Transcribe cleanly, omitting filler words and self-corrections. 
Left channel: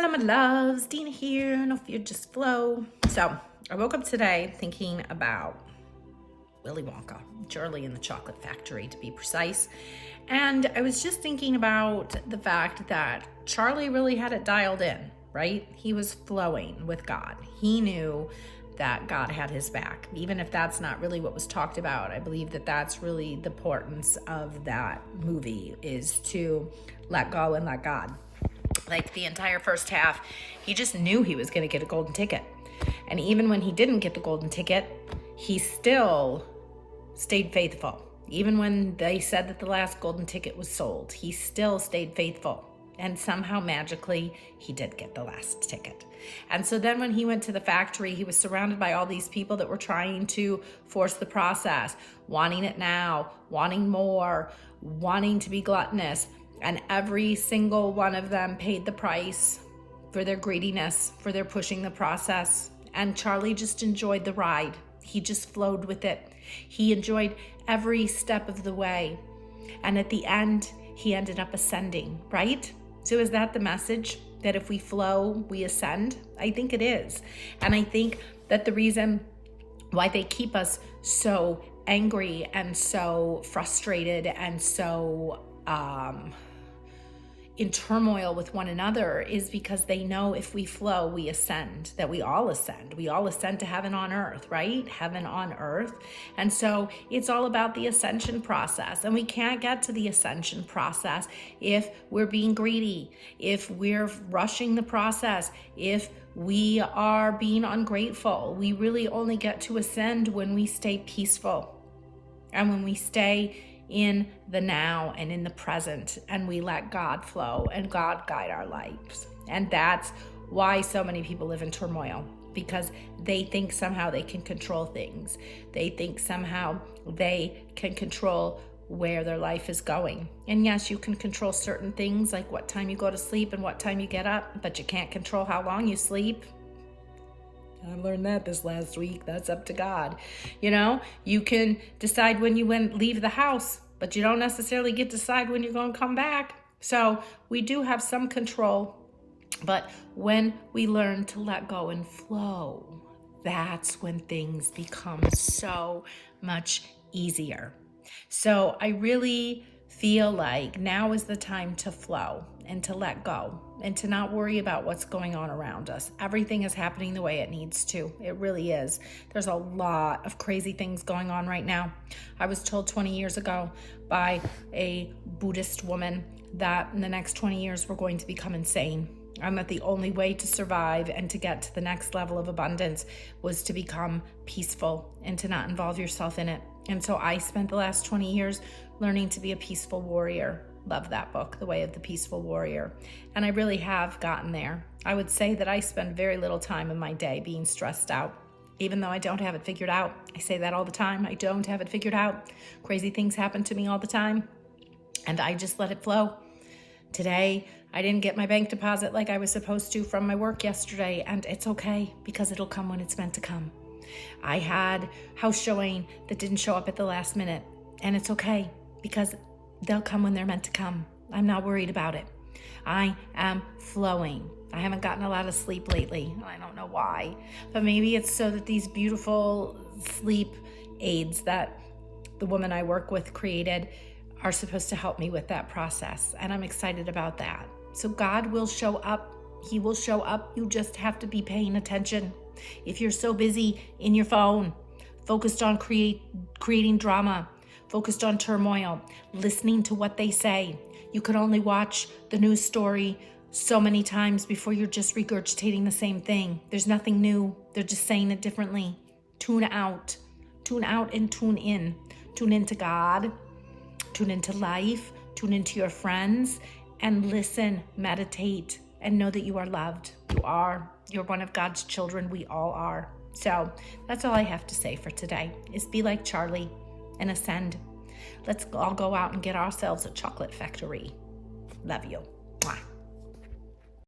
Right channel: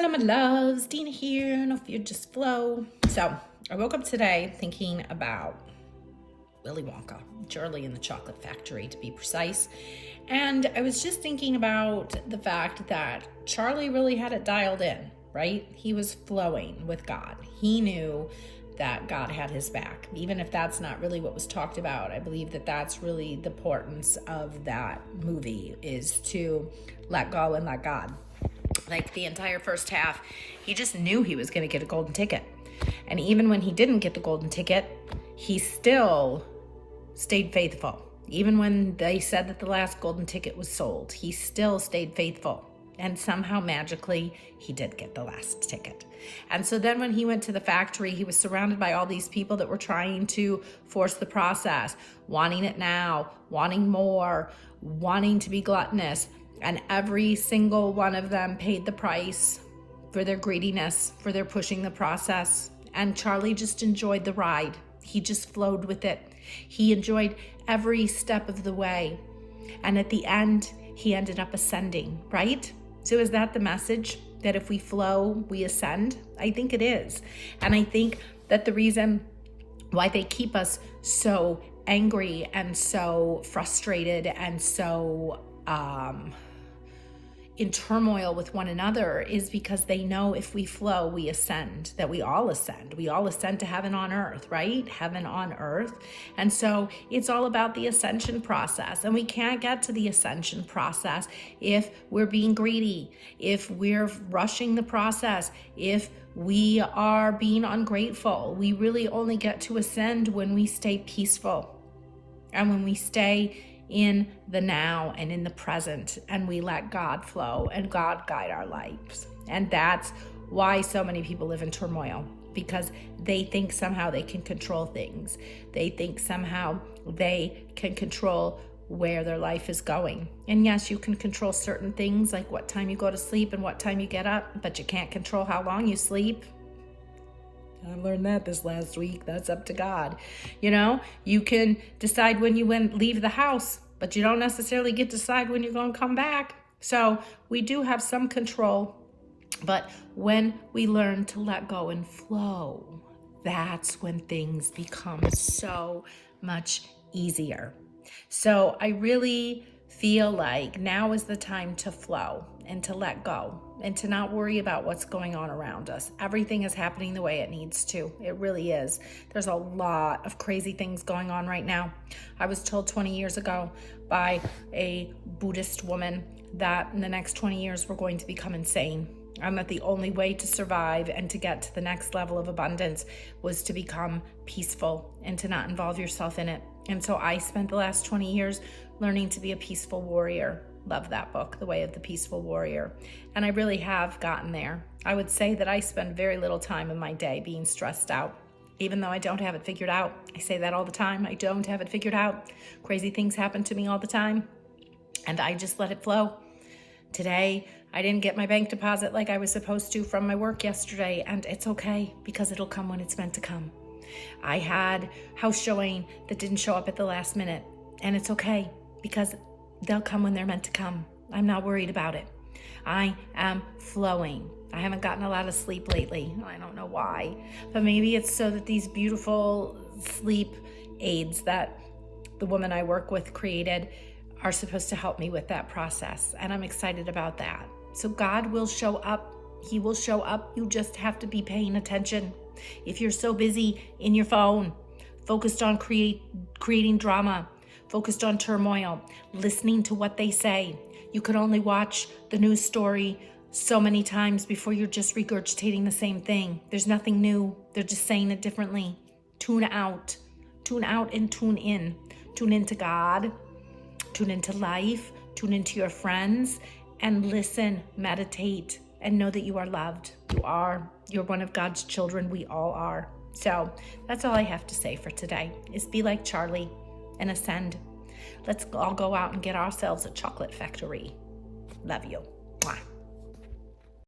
Hello, my loves. Dina here. No fear, just flow. So I woke up today thinking about Willy Wonka, Charlie and the Chocolate Factory to be precise. And I was just thinking about the fact that Charlie really had it dialed in, right? He was flowing with God. He knew that God had his back. Even if that's not really what was talked about, I believe that that's really the importance of that movie, is to let go and let God. Like the entire first half, he just knew he was going to get a golden ticket. And even when he didn't get the golden ticket, he still stayed faithful. Even when they said that the last golden ticket was sold, he still stayed faithful. And somehow magically, he did get the last ticket. And so then when he went to the factory, he was surrounded by all these people that were trying to force the process, wanting it now, wanting more, wanting to be gluttonous. And every single one of them paid the price for their greediness, for their pushing the process. And Charlie just enjoyed the ride. He just flowed with it. He enjoyed every step of the way. And at the end, he ended up ascending, right? So is that the message? That if we flow, we ascend? I think it is. And I think that the reason why they keep us so angry and so frustrated and so in turmoil with one another is because they know if we flow, we ascend, that we all ascend. We all ascend to heaven on earth, right? Heaven on earth. And so it's all about the ascension process. And we can't get to the ascension process if we're being greedy, if we're rushing the process, if we are being ungrateful. We really only get to ascend when we stay peaceful and when we stay in the now and in the present, and we let God flow and God guide our lives. And that's why so many people live in turmoil, because they think somehow they can control things. They think somehow they can control where their life is going. And yes, you can control certain things, like what time you go to sleep and what time you get up, but you can't control how long you sleep. I learned that this last week. That's up to God. You know, you can decide when you leave the house, but you don't necessarily get to decide when you're going to come back. So we do have some control, but when we learn to let go and flow, that's when things become so much easier. So I really feel like now is the time to flow and to let go and to not worry about what's going on around us. Everything is happening the way it needs to. It really is. There's a lot of crazy things going on right now. I was told 20 years ago by a Buddhist woman that in the next 20 years we're going to become insane, and that the only way to survive and to get to the next level of abundance was to become peaceful and to not involve yourself in it. And so I spent the last 20 years learning to be a peaceful warrior. Love that book, The Way of the Peaceful Warrior. And I really have gotten there. I would say that I spend very little time in my day being stressed out, even though I don't have it figured out. I say that all the time. I don't have it figured out. Crazy things happen to me all the time, and I just let it flow. Today, I didn't get my bank deposit like I was supposed to from my work yesterday, and it's okay because it'll come when it's meant to come. I had house showing that didn't show up at the last minute, and it's okay because they'll come when they're meant to come. I'm not worried about it. I am flowing. I haven't gotten a lot of sleep lately. I don't know why, but maybe it's so that these beautiful sleep aids that the woman I work with created are supposed to help me with that process, and I'm excited about that. So God will show up. He will show up. You just have to be paying attention. If you're so busy in your phone, focused on creating drama, focused on turmoil, listening to what they say, you could only watch the news story so many times before you're just regurgitating the same thing. There's nothing new. They're just saying it differently. Tune out and tune in. Tune into God, tune into life, tune into your friends, and listen, meditate, and know that you are loved. You're one of God's children. We all are. So that's all I have to say for today, is be like Charlie and ascend. Let's all go out and get ourselves a chocolate factory. Love you. Mwah.